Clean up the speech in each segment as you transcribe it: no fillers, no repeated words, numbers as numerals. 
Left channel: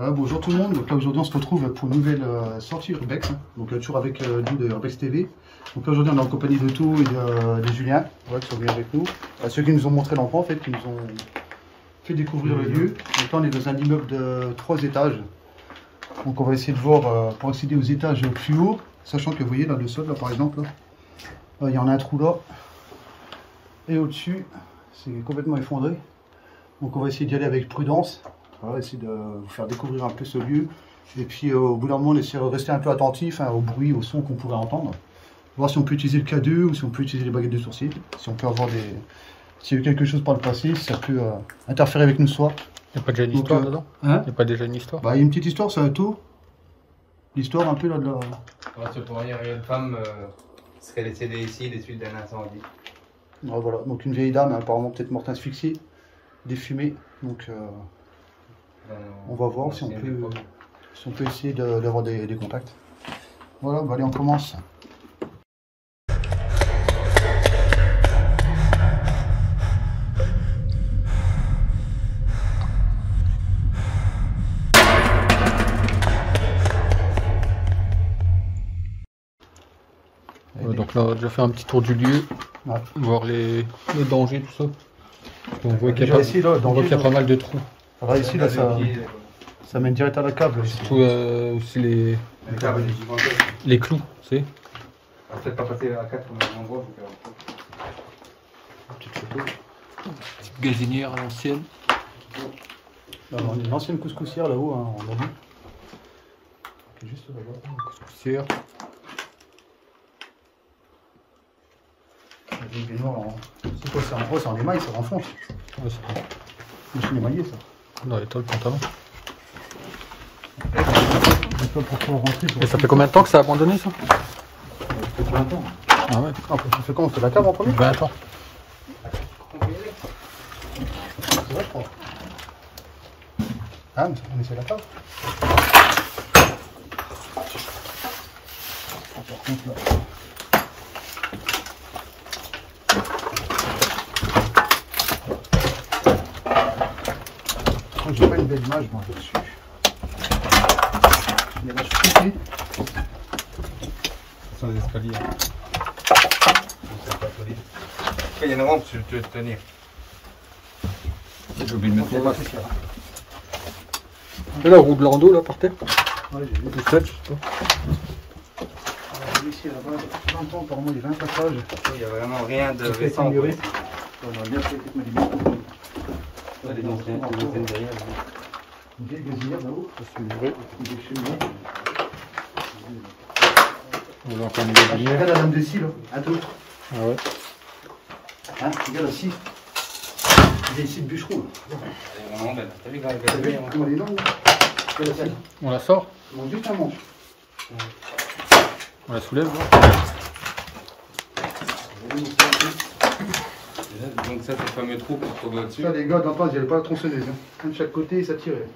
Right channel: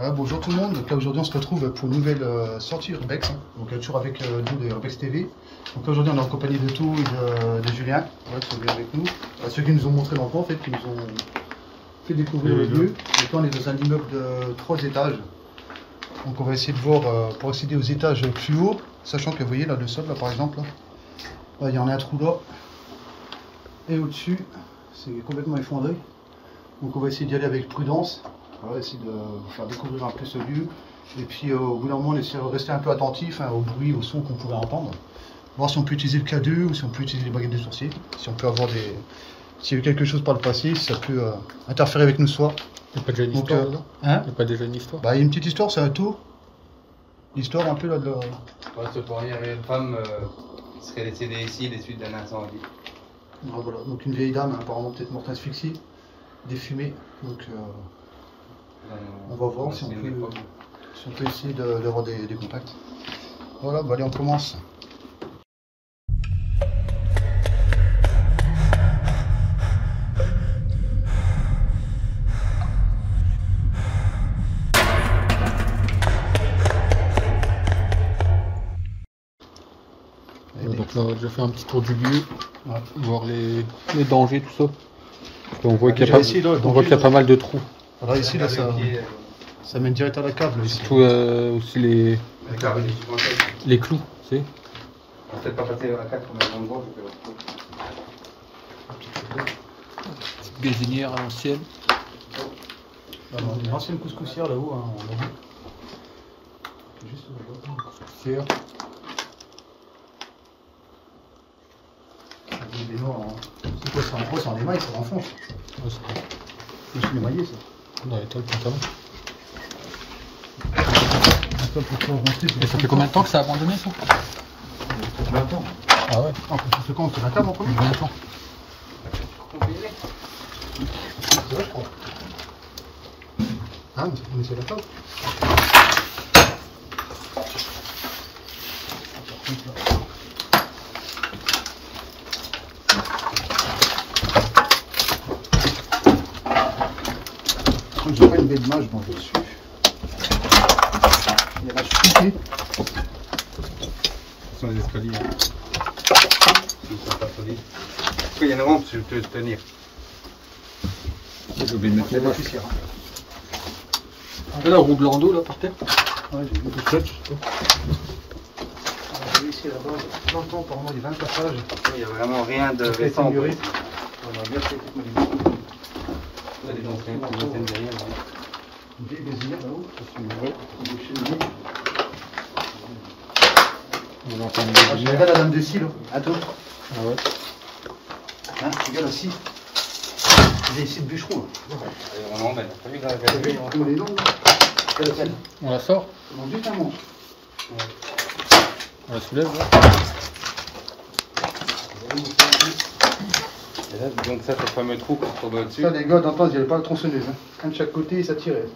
Bonjour tout le monde, donc là aujourd'hui on se retrouve pour une nouvelle sortie Urbex, donc toujours avec nous de Urbex TV. Donc là aujourd'hui on est en compagnie de Tout et de Julien, qui sont venus avec nous. Ceux qui nous ont montré l'endroit en fait, qui nous ont fait découvrir le lieu. Donc là on est dans un immeuble de 3 étages. Donc on va essayer de voir pour accéder aux étages plus hauts, sachant que vous voyez là le sol là par exemple, là, il y en a un trou là. Et au-dessus, c'est complètement effondré. Donc on va essayer d'y aller avec prudence. On va essayer de vous faire découvrir un peu ce lieu. Et puis au bout d'un moment, on essaie de rester un peu attentif au bruit, au son qu'on pourrait entendre. Voir si on peut utiliser le K2 ou si on peut utiliser les baguettes de sourcier. Si on peut avoir des... S'il y a eu quelque chose par le passé, si ça peut interférer avec nous soir. Il n'y a pas déjà une histoire dedans? Hein? Il n'y a pas déjà une histoire? Bah il y a une petite histoire, c'est un tout. L'histoire un peu là de la... Ouais, c'est pour dire, il y a une femme qui serait décédée ici des suites d'un incendie. Voilà, donc une vieille dame, apparemment peut-être morte asphyxiée, défumée. Donc on va voir si on peut essayer d'avoir des contacts. Voilà, bah allez, on commence. Donc là on a déjà fait un petit tour du lieu, Ouais. voir les dangers, tout ça. Parce qu'on voit qu'il y a, pas mal de trous. Alors ici, là, ça mène direct à la cave. Là, ici. Surtout aussi les clous, tu sais. On va peut-être pas passer à 4, on est en gros. Petite gazinière à l'ancienne. Une ancienne couscoussière là-haut, hein, on l'a vu. Juste là-bas. Couscoussière. C'est quoi, c'est en gros, c'est en émail, ça renfonce. Ouais, c'est C'est émaillé ça. dans les toiles pantalon. Et ça fait combien de temps que ça a abandonné ça? 20 ans. Ah ouais. Ah, ça fait quand on fait la table en premier? 20 ans. Ah, mais c'est la table. J'ai pas une belle image bon, dessus. Il y a la chute. Ce sont les escaliers. Il y en a un, tu peux tenir. J'ai oublié de mettre les masques. Et la roue de Lando là par terre? Ouais, j'ai vu. Peut-être. Ici, il y a 20 ans, apparemment, il y a 20 passages. Il n'y a vraiment rien de Ça fait récent. ignorer. On aurait bien fait peut-être mettre des masques. Les anciennes derrière. Une vieille gazinière là-haut. C'est vrai. Des cheminées. On va encore une Regarde gazinière. la dame des cils, attends. Ah ouais. Hein, regarde la scie. Il y a ici de bûcheron. Là. Elle est vraiment belle. T'as vu quand T'as vu comment elle est longue là? Regarde la scie. On la sort? Mon Dieu, t'as un manche. On la soulève là? Et là, tu donnes ça sur le fameux trou qu'on trouve au-dessus. Ça, les gars, d'entendre, il n'y avait pas la tronçonneuse. Hein. Un de chaque côté, ça tirait.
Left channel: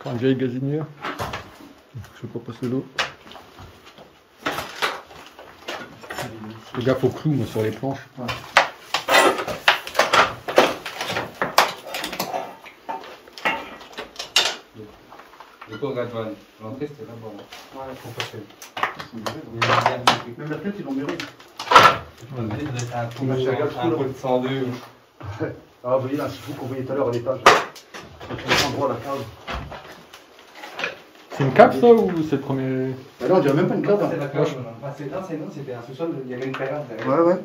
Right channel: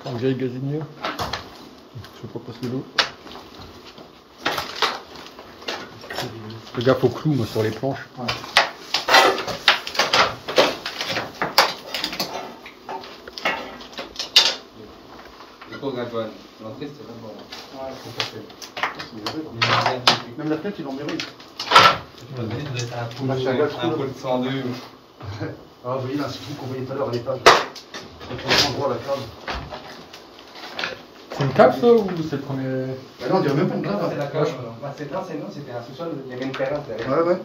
Encore une vieille gazinière. Je sais pas passer l'eau. Fais gaffe aux clous moi, sur les planches. Ouais. Du coup, regarde, Joanne. L'entrée, c'était pas bon. Ouais, Ça fait. même la fenêtre, ils l'ont muré. Un coup de 102. Ah, vous voyez là, c'est tout qu'on voyait tout à l'heure à l'étage. On voit la cave. C'est une cave ça ou c'est le premier? Là, on dirait même pas une cave. C'est la cave. C'est là, c'est nous, c'était un sous-sol, il y avait une terrasse derrière. Ouais, ouais.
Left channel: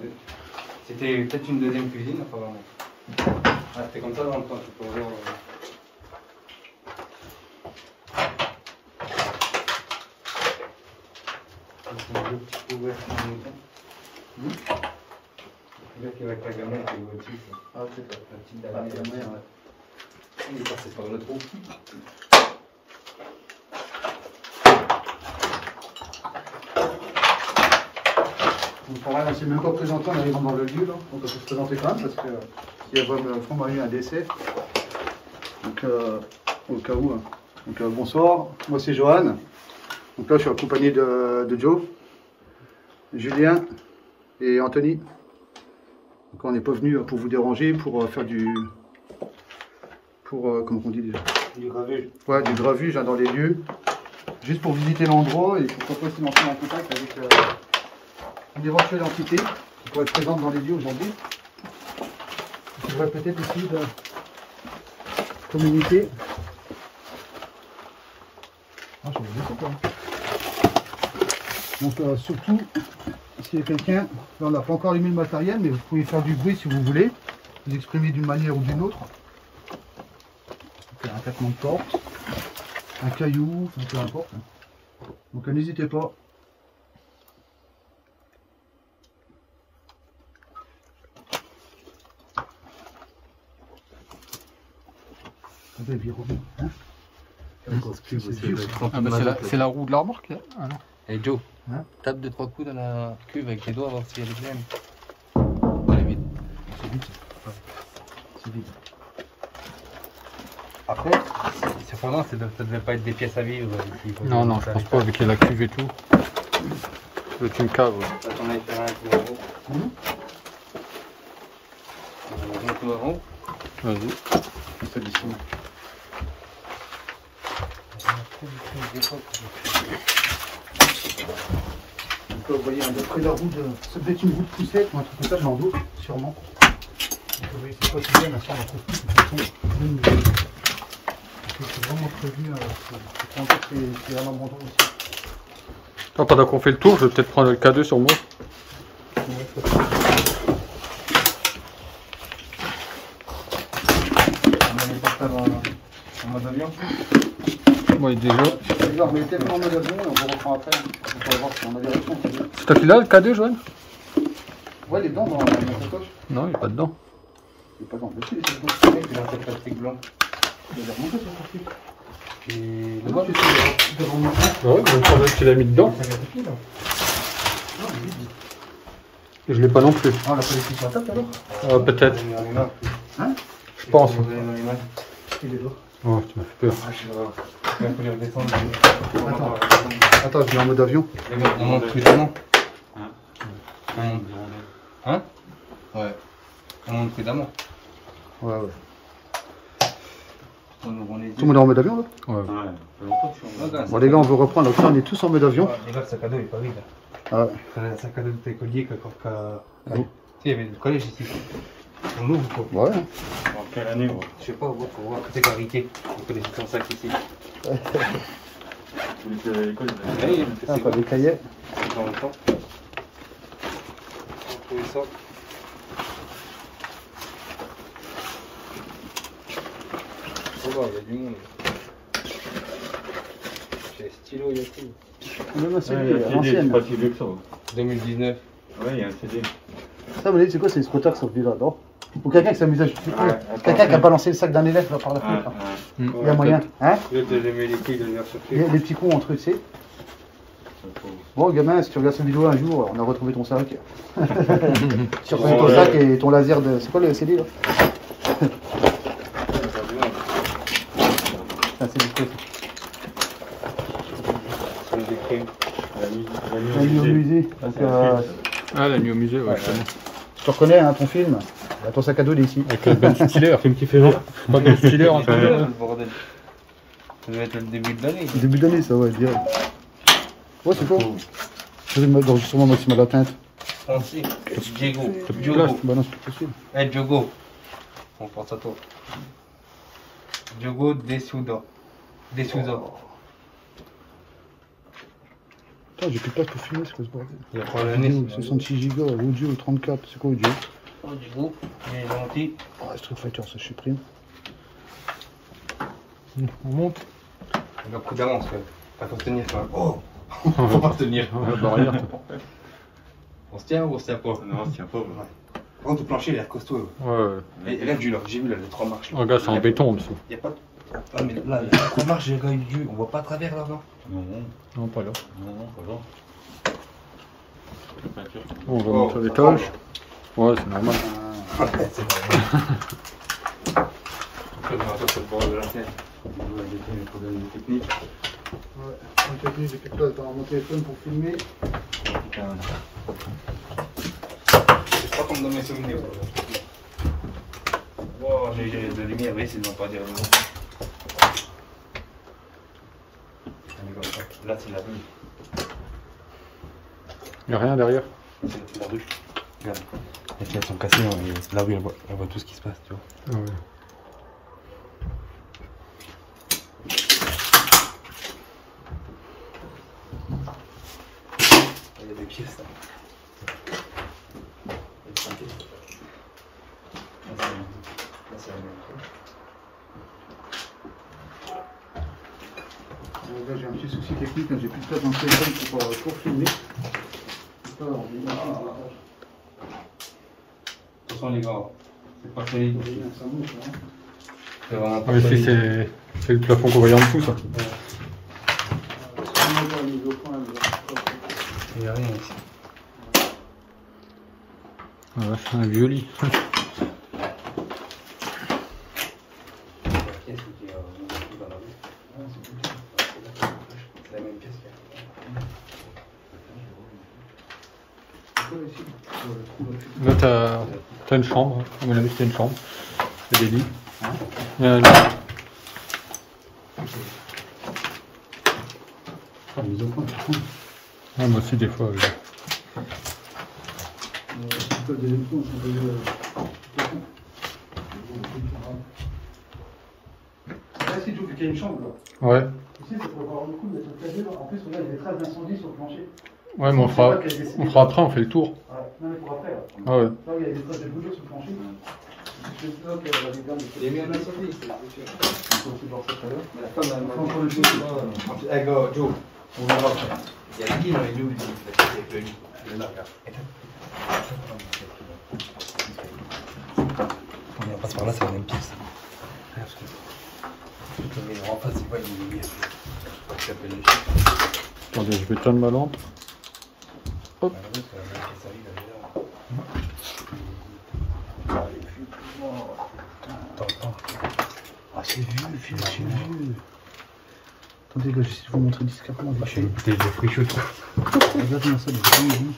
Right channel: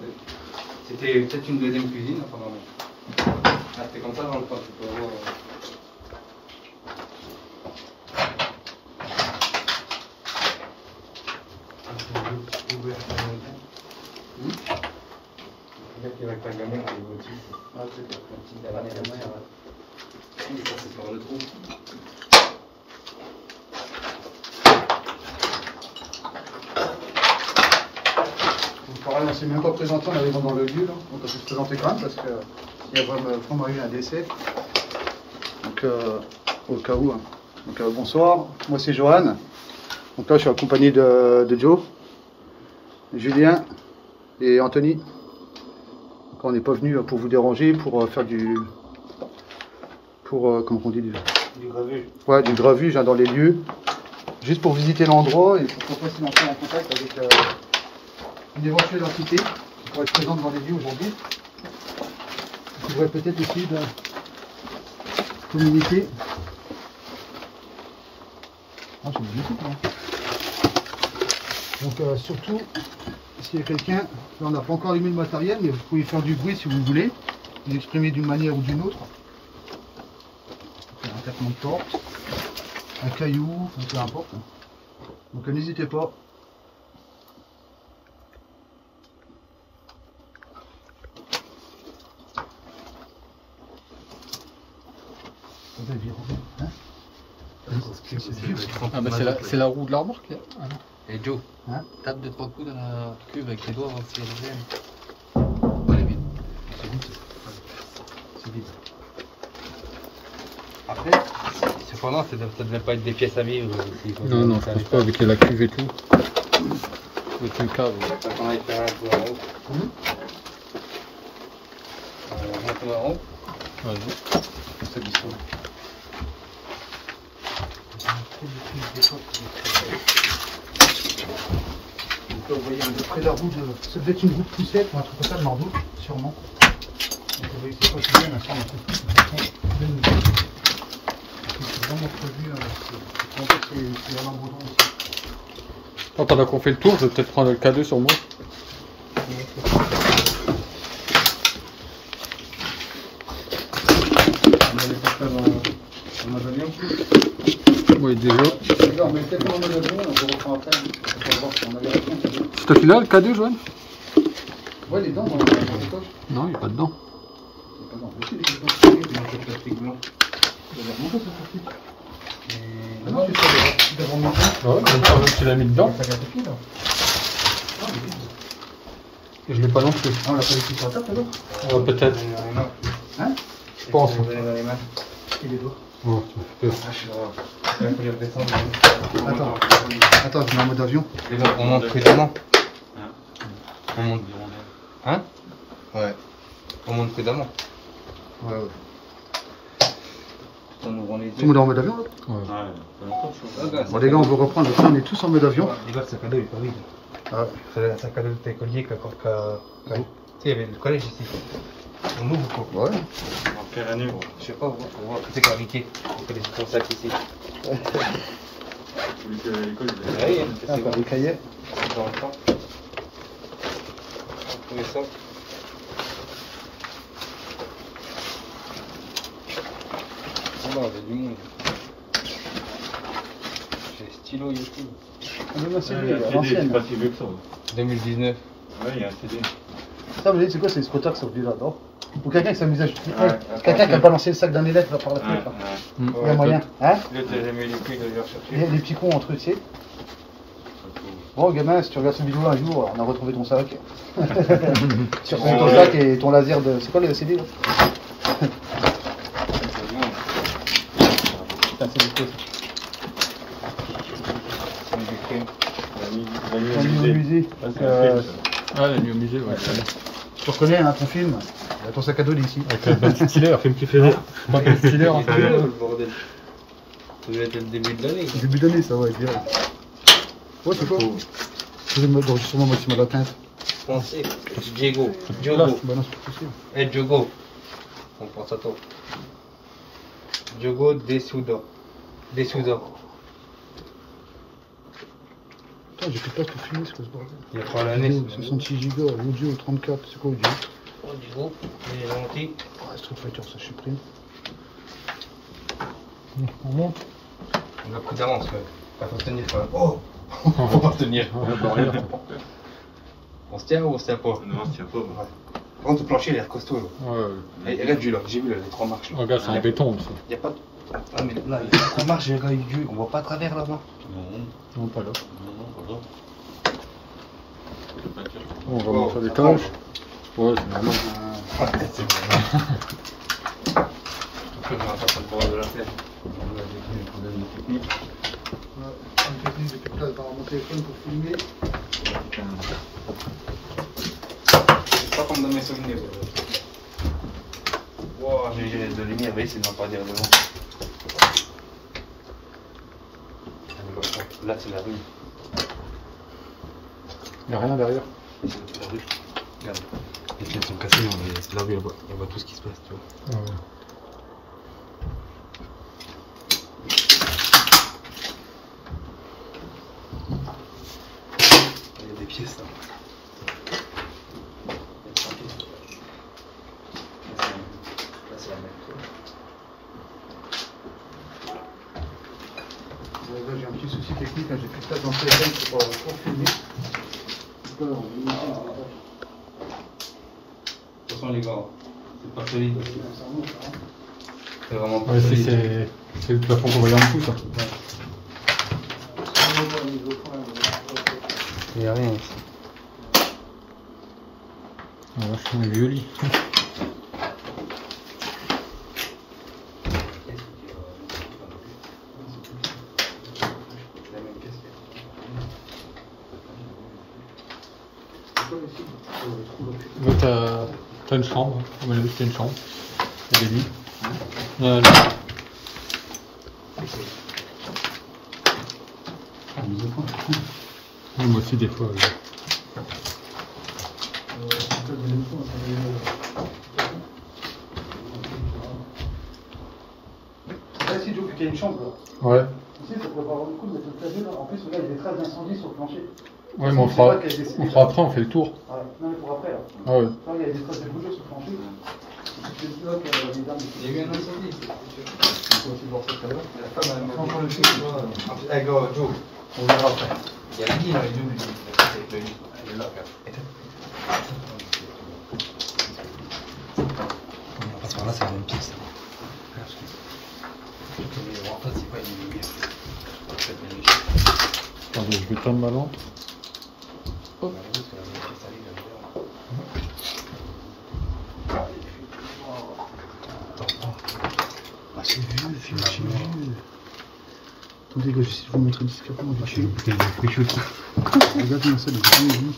C'était peut-être une deuxième cuisine, apparemment. Ah, c'était comme ça dans le coin, c'est pour voir. Peut-être qu'avec la gamelle, c'est le motif. Ah, c'est ça. La petite dernière. Oui, ça, c'est sur le trou. Donc, pareil, on ne s'est même pas présenté en arrivant dans le lieu, là. Donc on peut se présenter quand même parce qu'il y a vraiment eu un décès. Donc au cas où. Hein. Donc bonsoir, moi c'est Johan. Donc là je suis accompagné de Joe, Julien et Anthony. Quand on n'est pas venu pour vous déranger, pour faire du... comment on dit déjà? Du gravu. Ouais, du gravuge dans les lieux. Juste pour visiter l'endroit et pourquoi pas essayer d'entrer en contact avec une éventuelle entité qui pourrait être présente dans les lieux aujourd'hui. On pourrait peut-être essayer de communiquer. Ah, c'est bien super. Donc surtout, s'il y a quelqu'un, là on n'a pas encore allumé le matériel, mais vous pouvez faire du bruit si vous voulez, vous exprimer d'une manière ou d'une autre. Faire un tapement de porte, un caillou, peu importe. Donc n'hésitez pas. Hein, c'est vieux. Ah bah c'est la roue de la remorque. Ah non. Et Joe, hein, tape 2-3 coups dans la cuve avec les doigts, voir si elle est pleine. Elle est vide. C'est vide. C'est vide. Après, cependant, ça ne devait pas être des pièces à vivre. Ici, Non, non, je pense pas avec la cuve et tout. C'est une cave. Ouais. On va faire un tour en haut. On monte en haut. Vas-y. C'est du tout. Donc vous voyez, d'après la roue, ça devait être une roue de poussette ou un truc comme ça, je m'en doute, sûrement. Donc on va essayer de pas bien à faire la trouve. C'est vraiment prévu, c'est un abandon aussi. Pendant qu'on fait le tour, je vais peut-être prendre le K2 sur moi. Oui, déjà. On met peut-être en mode avion, on vous reprend après. On va voir si on a les réponses. T'as fait là le K2, Joanne? Ouais, les dents dans la poche. Non, il n'est pas dedans. Il n'est pas dans le dossier, il est dedans. Il y a un peu de plastique blanc. Il va remonter ce plastique. Et Non, tu sais, devant nous. Ouais, je crois que tu l'as mis dedans. Ça vient de qui là? Je l'ai pas non plus. Ah, on l'a pas laissé sur la table alors? Peut-être. Hein? Je pense. Il est beau. Ouais, Il faut les redescendre. Attends, je mets en mode avion. On monte prudemment. On monte. Hein? Ouais. On monte prudemment. Ouais, ouais. On ouvre les Tout le monde est en mode avion là? Ouais. Bon, les gars, on veut reprendre. Après, on est tous en mode avion. Les gars, le sac à dos il est pas vide. Ouais. C'est un sac à dos de tes colliers tu sais, il y avait le collège ici. On l'ouvre quoi. Ouais. En quelle année? Je sais pas, faut voir que c'est clarifié. Faut que les ton sac ici. Ah, pas des cahiers. Dans le temps. On trouvait ça. C'est bon, il y a du monde. J'ai les stylos, il y a tout. On a CD, l'ancienne. pas si vieux que ça. 2019. Ouais, il y a un CD. Ça, vous voyez, c'est quoi? C'est les squatters qui sont venus là, non? Ou quelqu'un qui s'amuse à jeter. Quelqu'un qui a balancé le sac d'un élève là par la fenêtre. Il y a moyen. Hein? L'autre, j'ai jamais eu les couilles d'aller chercher. Il y a des petits cons entre eux, tu sais. Bon, gamin, si tu regardes cette vidéo un jour, on a retrouvé ton sac. Tu retrouves ton sac et ton laser de. C'est quoi le CD là? C'est un CD clé. La nuit au musée. Ah, la nuit au musée, ouais, je connais. Tu reconnais hein, ton film? Ton sac à dos il est ici. Avec Ben Stiller, film qui fait. Pas Ben Stiller, un truc Le bordel. Ça doit être le début de l'année. Début d'année, ça, ouais, dire. Ouais, c'est quoi? Je vais mettre d'enregistrement maximum la teinte. Foncé. Diego. Bah non, c'est pas possible. Eh, Diogo. On pense à toi. Diogo Desouda. Desouda. Putain, j'ai plus de place pour filmer, c'est quoi ce bordel? Il y a pas l'année. 66 Go, audio 34, c'est quoi audio? Oh, Diogo. Il est gentil. Ah, Street Fighter, ça je supprime. On monte. On va prudemment, parce que il faut se tenir quand même. Oh. Faut pas se tenir. La barrière. On se tient ou on se tient pas? Non, c'est pas. Ouais. Par contre, le plancher, il a l'air costaud. Là. Ouais. Et là, du là, j'ai vu là, les 3 marches. Là. Regarde, c'est en béton aussi. Il n'y a pas de. Ah, mais là, il y a 3 marches, j'ai regardé Dieu. On voit pas à travers là-bas. Non, Non, pas là. non, pas là. On va monter à l'étage. Ouais, c'est normal. C'est vrai. Après, on va faire le bord de la scène. On doit avec des problèmes techniques. Un technique, j'ai plus de place dans mon téléphone pour filmer. C'est pas comme dans mes souvenirs. Wow, j'ai eu de lumière, mais c'est de ma part derrière le vent. Là, c'est la rue. Il n'y a rien derrière. C'est la rue. Regarde. Les fenêtres sont cassées, et la rue, elle voit tout ce qui se passe, tu vois. Ah ouais. Il y a des pièces, là. Là, c'est la même. J'ai un petit souci technique, j'ai plus de place dans le téléphone pour filmer. De toute façon, les gars, c'est pas solide aussi. C'est vraiment pas Ouais, solide. c'est le plafond qu'on voyait en dessous, ça. Il n'y a rien ici. Ah vache, un vieux lit. Là, t'as une chambre. À mon avis, c'est une chambre. Il y a des lits. Il y a un lit. Ouais, moi aussi, des fois. Oui. Là, si tu veux qu'il y a une chambre, là. Ouais. Ici, ça pourrait pas avoir le coup de mettre le clavier, là. En plus, là, il y a des traces d'incendie sur le plancher. Ouais, mais on fera après, on fait le tour. Ouais. Non, mais pour après, là. Ah ouais. Là, il y a des traces de bouger sur le plancher. Je sais pas qu'il y a des dames. Il y a eu un incendie, c'est sûr. On peut aussi voir ça tout à l'heure. La femme a Enfin, encore une fois, Hey, go, Joe. on verra après. Il y a la guille dans les doubles. Elle est là, regarde. On passe par là, c'est la même pièce. En face, c'est pas une lumière. Attendez, je vais éteindre ma lampe. Hop. Ah, c'est vieux, c'est vieux. Attendez, là, je vais vous montrer discrètement. Je fais une bouteille de fruits chauds. Regardez ça, les vieux.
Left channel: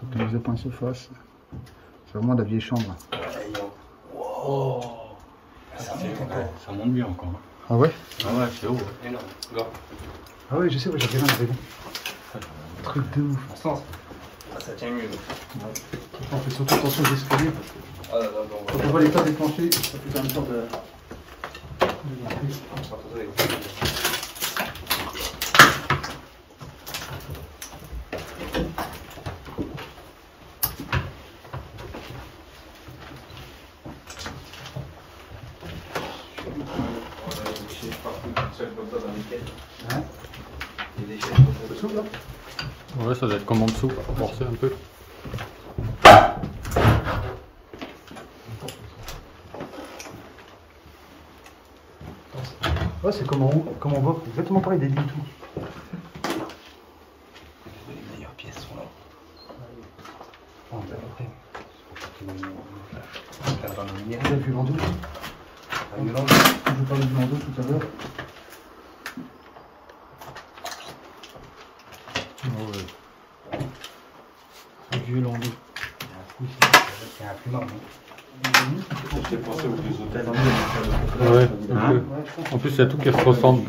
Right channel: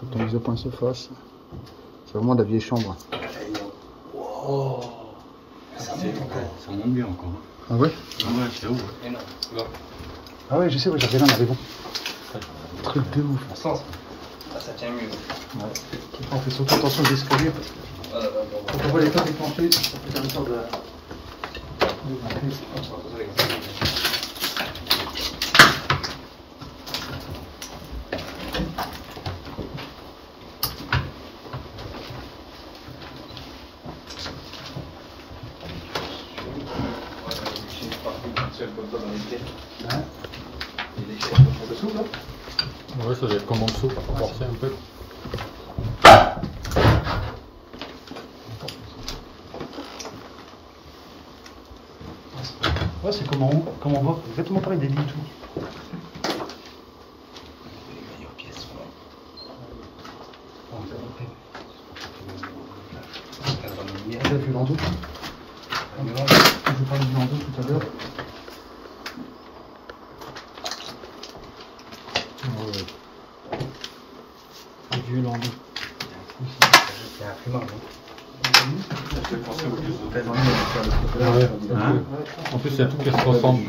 Quand les épins se fassent. C'est vraiment la vieille chambre. Oh, ça monte bien encore. Ah ouais? Ah ouais, c'est haut. Ah ouais, je sais, ouais, j'ai regardé dans la maison. Truc de ouf. En sens. Ah, ça tient mieux. Ouais. On fait surtout attention aux escaliers parce que quand on voit l'état des planchers, ça fait quand même peur de hein? Il y a des chaises en dessous là. Ouais, ça doit être comme en dessous, forcer un peu. Ouais, c'est comme en haut, comme en bas, exactement pareil, des lits et tout. Les meilleures pièces sont là. J'ai vu l'en deux. Je vous parlais du l'en deux tout à l'heure. Ouais. Un vieux l'en deux. C'est un fumeur, non? J'ai pensé au plus hôtel. Ouais, ok. En plus, il y a tout qui se ressemble.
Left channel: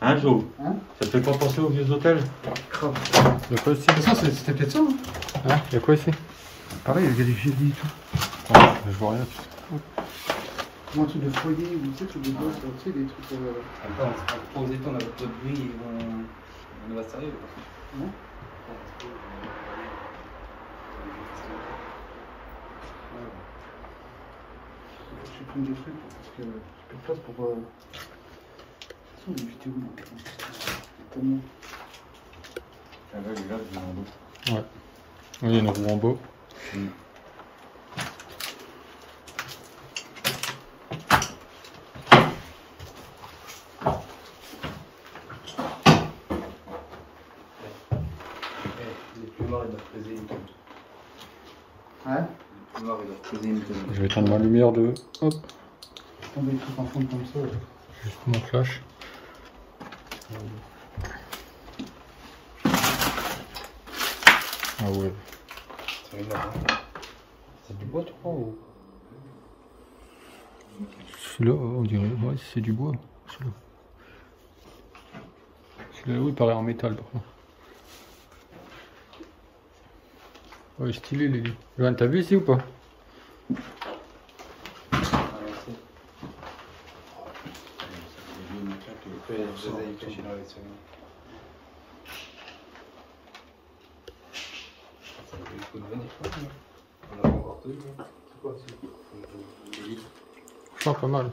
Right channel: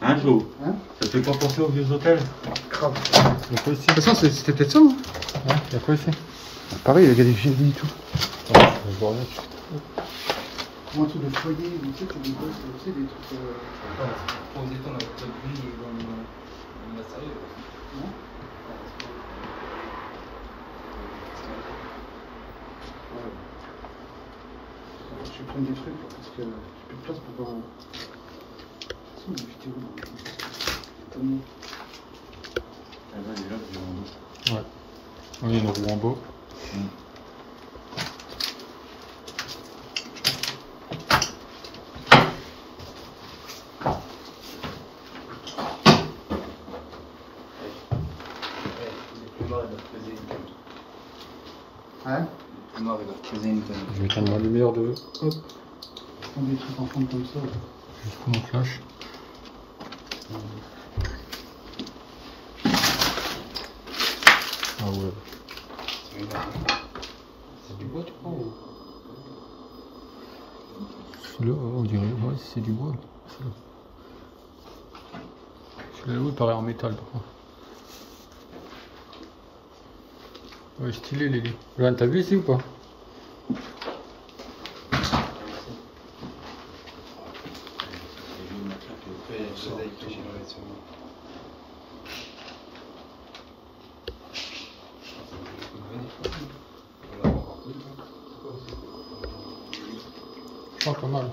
Hein, Joe? Hein? Ça te fait pas penser aux vieux hôtels? Grave. Il y a quoi ici? De toute façon, c'était peut-être ça, hein? Hein? Il y a quoi ici? Pareil, il y avait des vieux lits et tout. Ouais, je vois rien. Ou un truc de foyer, ou tu sais, des gosses, tu sais, des trucs. Posez ton avec notre bruit, ils vont sérieux. Non? Je vais prendre des trucs parce que j'ai plus de place pour. Si, mais j'étais où là? Tellement. Ah ouais, il est là, il est en dos. Ouais. Oui, il y a une roue en bas. Les plumards, ils doivent peser une tonne. Hein? Les plumards, ils doivent peser une tonne. Je vais éteindre ma lumière de. Hop. Prendre des trucs en fond comme ça. Ouais. Juste mon flash. Ah ouais. C'est du bois, tu crois ou... Celui-là, on dirait, ouais, c'est du bois. Celui-là, oui, il paraît en métal par contre. Ouais, stylé les lits. Johan, t'as vu ici ou pas? Je sens pas mal.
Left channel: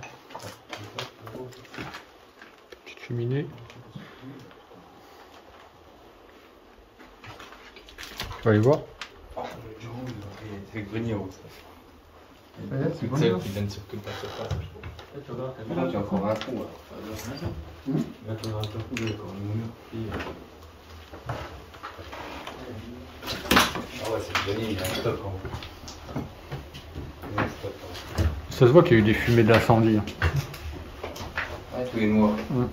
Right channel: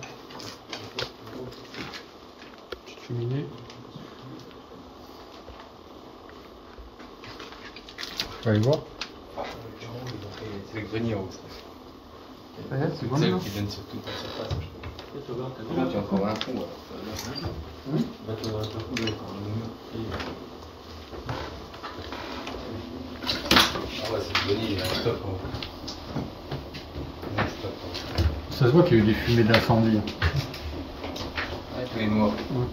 Petite cheminée. Tu vas aller voir? C'est le grenier en haut, ça. C'est Toute seule qui donne sur toute la surface, je trouve. Il y a encore un trou, alors. Va te regarder pas couler, quand même. Ah ouais, c'est le grenier, il y a un stock en haut. Il y a un stock en haut. Ça se voit qu'il y a eu des fumées d'incendie. Hein. Ouais, tous les morts. Ouais.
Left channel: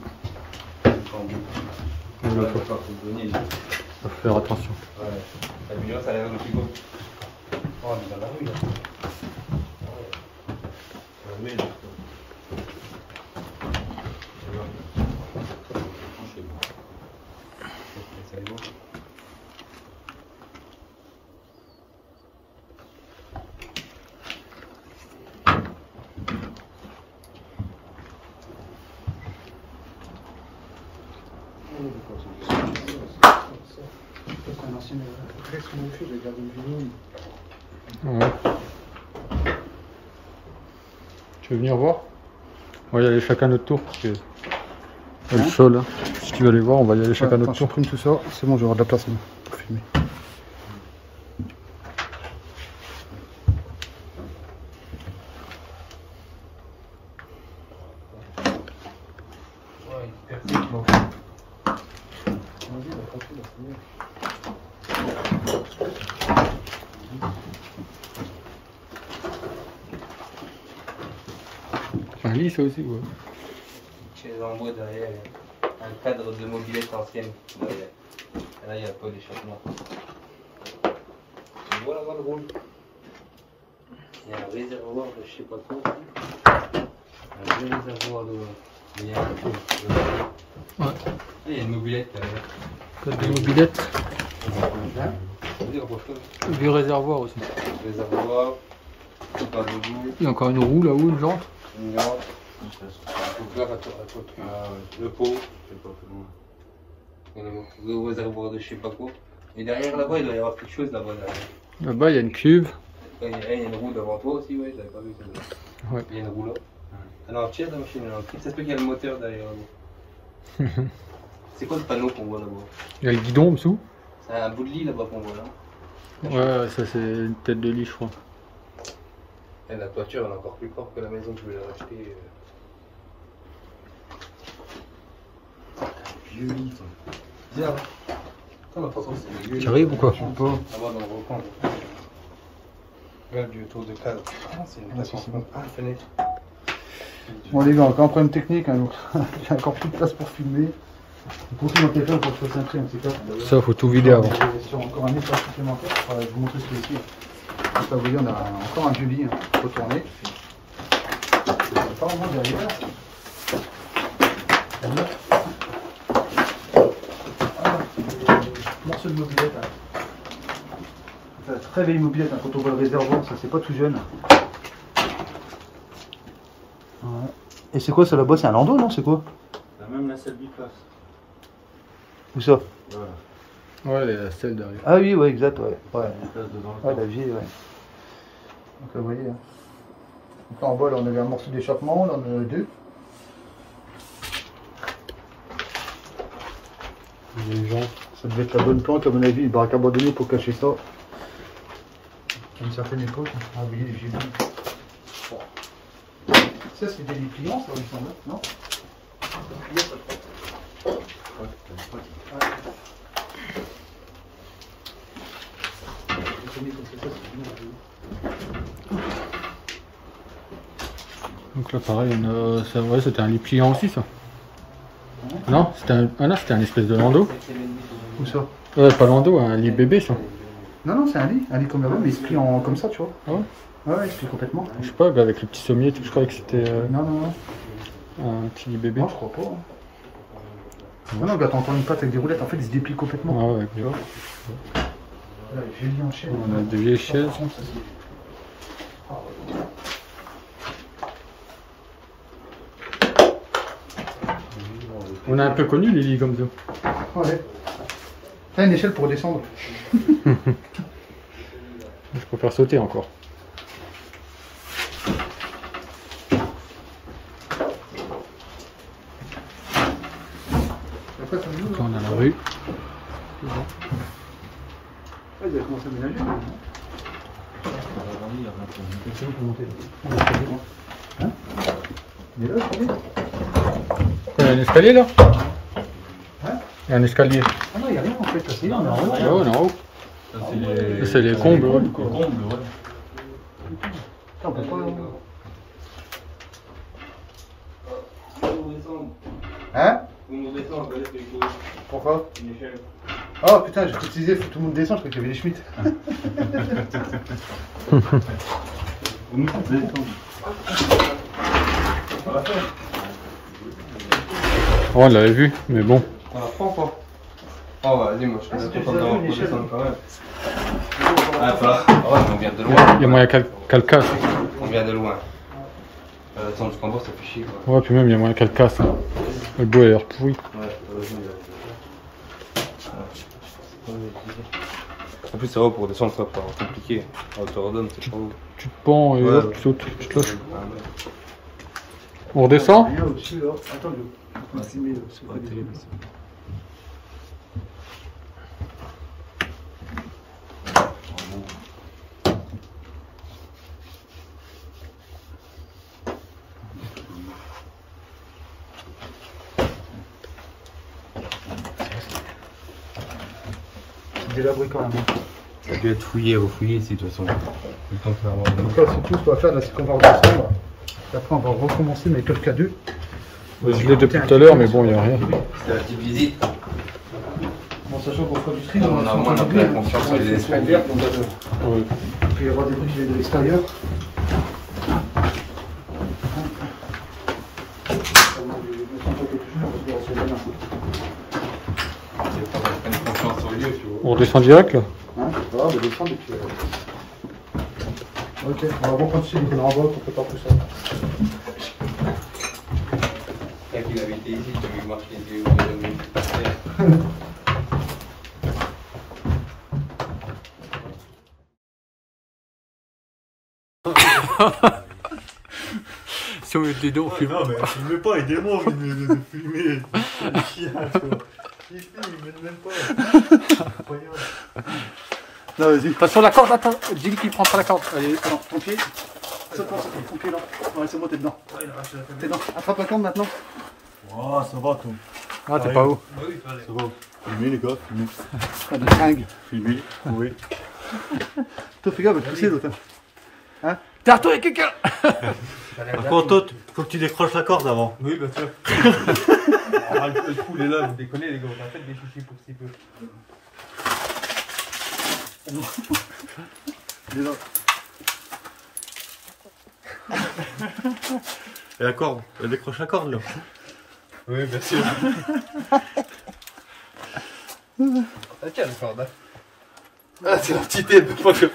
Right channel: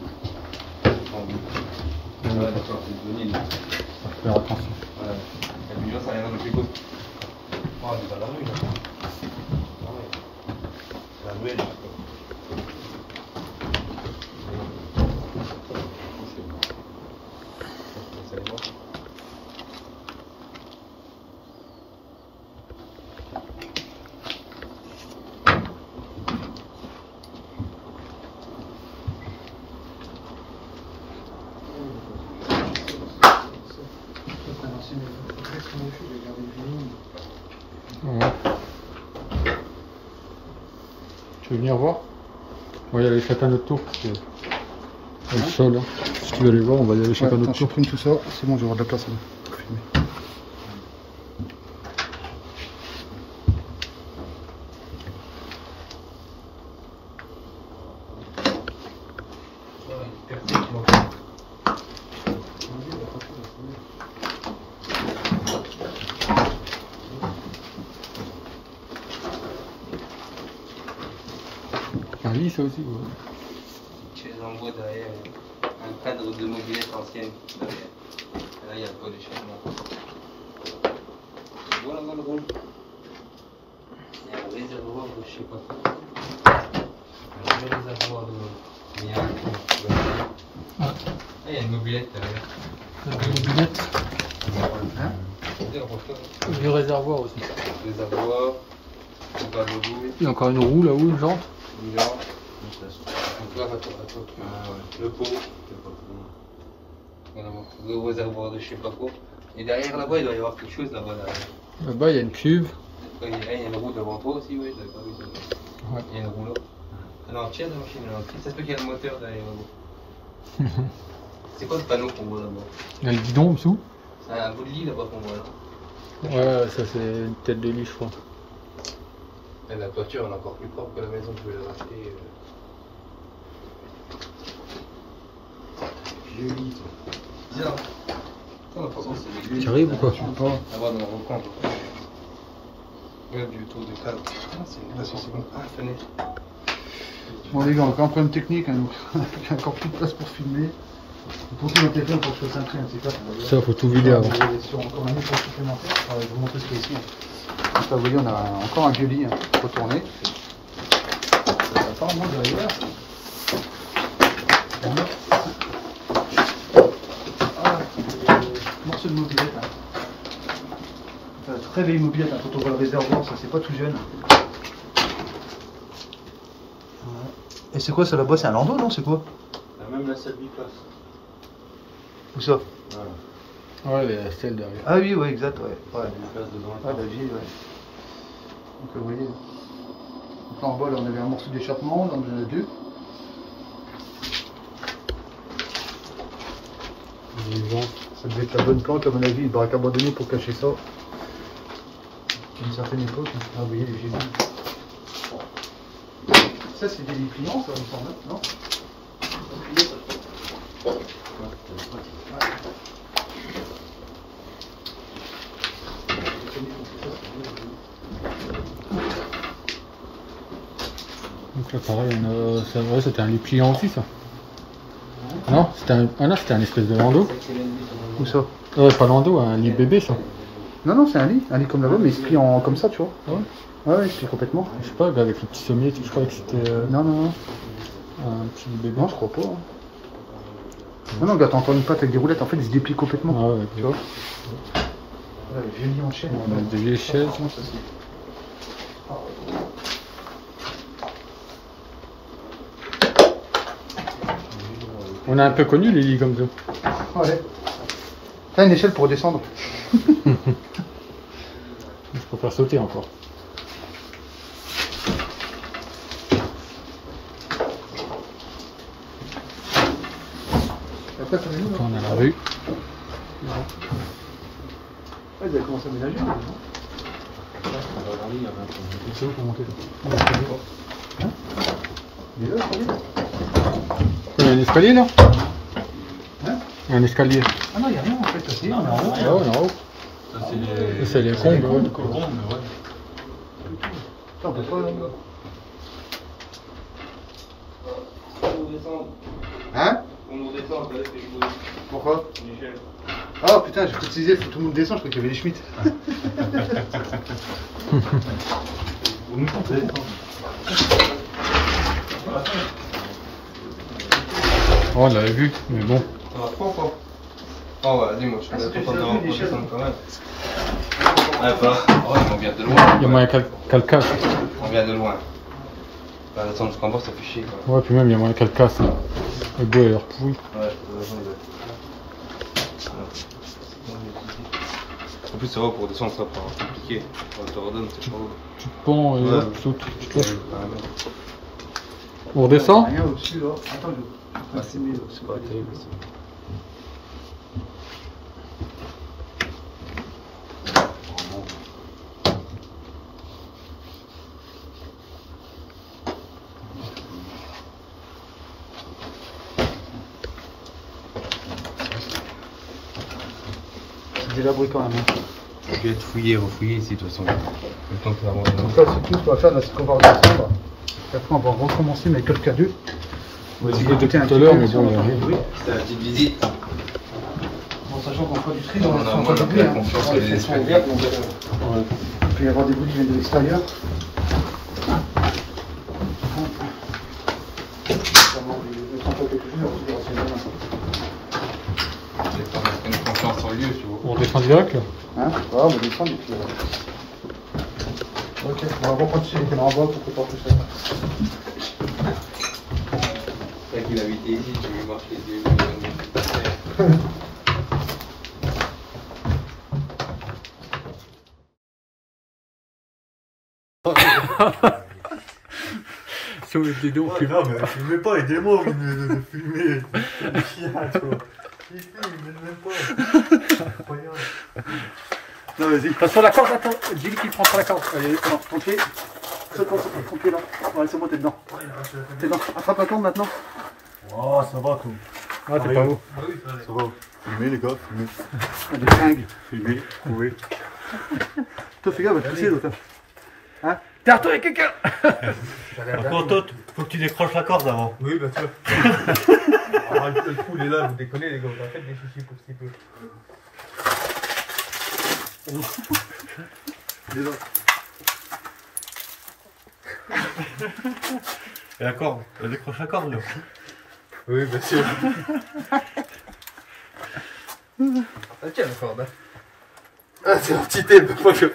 Ouais, Ouais, faut sortir le grenier. faut faire attention. Voilà. La vigilance, ça a l'air de plus cool. Oh, on est dans la rue, là. Ah ouais. C'est un là. Ouais. Tu veux venir voir? On va y aller chacun notre tour parce que il y a le sol. Hein. Si tu veux aller voir, on va y aller chacun notre Je tour. supprime tout ça, c'est bon, j'aurai de la place hein, pour filmer. Un lit, ça aussi, ouais. Chaise en bois derrière, un cadre de mobilette ancienne derrière. Et là, il y a pas d'échappement. Tu vois là-bas le rôle? Il y a un réservoir de je sais pas quoi. Un vrai réservoir de. Il y a un trou. Ouais. Ah, il y a une mobilette derrière. Cadre de mobilette. Vieux réservoir aussi. Réservoir, un verre de boue, Il y a encore une roue là-haut, une jante. une lampe. Donc là, le pot. Le réservoir de je sais pas quoi. Et derrière là-bas, il doit y avoir quelque chose là-bas derrière. Là-bas, il y a une cuve. Il y a une roue devant toi aussi, ouais, t'avais pas vu. Ouais. Il y a une roue là. Elle est entière la machine, elle est entière. C'est ce qu'il y a le moteur derrière là-bas. C'est quoi le panneau qu'on voit là-bas? Il y a le guidon en dessous. C'est un bout de lit là-bas qu'on voit là. Ouais, ça c'est une tête de lit, je crois. Et la toiture elle est encore plus propre que la maison que je vais la racheter. Le lit, toi. Bizarre. On a pas pensé. Tu arrives ou quoi? Je peux pas. Là-bas dans le recoin. Ouais, du tour de cadre. Putain, c'est une place, c'est bon. Ah, fenêtre. Bon les gars, on a encore un problème technique, hein, donc il y a encore plus de place pour filmer. Pour tout mon téléphone, pour que je fasse un tri, un petit peu. Ça, faut tout vider avant. Sur encore un espace supplémentaire, je vais vous montrer ce qu'il y a ici. Donc, vous voyez, on a encore un vieux lit hein, retourné. Pas en main derrière. Voilà, des morceaux de mobilette. Hein. Enfin, très vieille mobilette, hein, quand on voit le réservoir, ça c'est pas tout jeune. Voilà. Et c'est quoi ça là-bas? C'est un landau, non? C'est quoi? Même la salle biplace. Où ça? Voilà. Ouais, il y a la selle derrière. Ah oui, ouais, exact, ouais. Ouais, Biplace dedans la ouais porte. la vieille, ouais. Donc vous voyez. Hein. Donc là en bas, là, on avait un morceau d'échappement, là on en a deux. Il y a une jante. Ça devait être la bonne planque, à mon avis, le baraque abandonné pour cacher ça. À une certaine époque, hein. Ah, vous voyez les gibus. Ça, c'est des lits pliants, ça, il me semble, non? Donc là pareil, on a... ouais, c'était un lit pliant aussi ça. Non, c'était un... Ah non, c'était un espèce de landau. Où ça? Pas landau, un lit bébé ça. Non, non, c'est un lit comme là-bas, mais il se plie en comme ça, tu vois. Ah ouais? Ouais, il se plie complètement. Je sais pas, avec le petit sommier, je croyais que c'était Non, non, non. un petit lit bébé. Non, je crois pas. Hein. Non, non, regarde, t'as encore une patte avec des roulettes, en fait, il se déplie complètement. Ah ouais, Tu vois? Ouais, vieilles lits en chaîne. on a des vieilles chaises. Franchement, ça, c'est- On a un peu connu les lits comme ça. Ouais. T'as une échelle pour redescendre. Je préfère sauter encore. Après, ça met Là, on a la rue. Ouais, il va commencer à ménager. C'est où pour monter là? Hein? Il est là, le premier. Il y a un escalier là? Hein? Il y a un escalier. Ah non, il n'y a rien en fait. C'est on est en haut. Ah ouais, on est en haut. Ça, c'est les... Ça, c'est les combes, ouais. Les combes, ouais. On peut pas. Hein? Pourquoi? Oh putain, j'ai tout utilisé, faut que tout le monde descende, je crois qu'il y avait les Schmitt. Oh, on l'avait vu, mais bon. On apprend quoi? Oh vas-y, moi je suis content d'avoir descendu quand même. Ah bah, ouais, on vient de loin. Il y a moyen qu'elle casse. On vient de loin. Bah, descendre jusqu'en bas, ça fait chier quoi. Ouais, puis même il y a moyen qu'elle casse. Hein. Le bois est l'air pourri. Ouais, en plus, ça va pour descendre, ça va compliqué. On te redonne, c'est pas où. Tu te pends et Ouais. hop, tu sautes, tu te lâches. On redescend? Rien au-dessus là. Attends, je vais filmer. C'est pas terrible ici. C'est délabré quand même. Hein. Je vais être fouillé, refouillé ici de toute façon. Le temps que ça remonte. Donc là, c'est tout ce qu'on va faire, là, c'est qu'on va redescendre. Et après, on va recommencer, mais quelques deux. Je l'ai depuis tout à l'heure, mais bon, il n'y a rien. Oui. C'est la petite visite. En sachant qu'on fait du tri, Non, on non, va moi, pas j'ai doubler, confiance hein. en les Ouais, espagnols. elles sont vertes, donc, Ouais. il peut y avoir des bouts qui viennent de l'extérieur. J'ai une confiance sur le lieu, tu vois. On redescend direct là? Hein? Voilà, on va descendre et puis. Ok, on va recontinuer les renvois pour que pas tout ça. C'est qu'il avait été ici, tu lui marches les yeux. Si on met des dons, on Non, mais filmez pas, aidez-moi de filmer. C'est chiant, tu vois. Il filme, même pas. Incroyable. Non, vas-y. Passe sur la corde, attends. Dis-lui qu'il prend pas la corde. Allez, non, ton pied. Saute ton pied là. Ouais, c'est bon, t'es dedans. T'es dedans. Attrape la corde maintenant. Oh, ça va, tout. Ah, t'es pas haut. Ça va. Filmez, les gars, filmez. T'as des fringues. Filmez, oui. Toi, fais gaffe, va te pousser l'autre. Hein? T'es à toi, il y a quelqu'un. Par contre, toi, faut que tu décroches la corde avant. Oui, bien sûr. Le fou, il est là, vous déconnez, les gars, on a fait des soucis pour ce peu. Il est là. Et la corde, elle décroche la corde, là. Oui, bien sûr. Ok, d'accord, Ah, c'est l'entité, elle peut pas que je.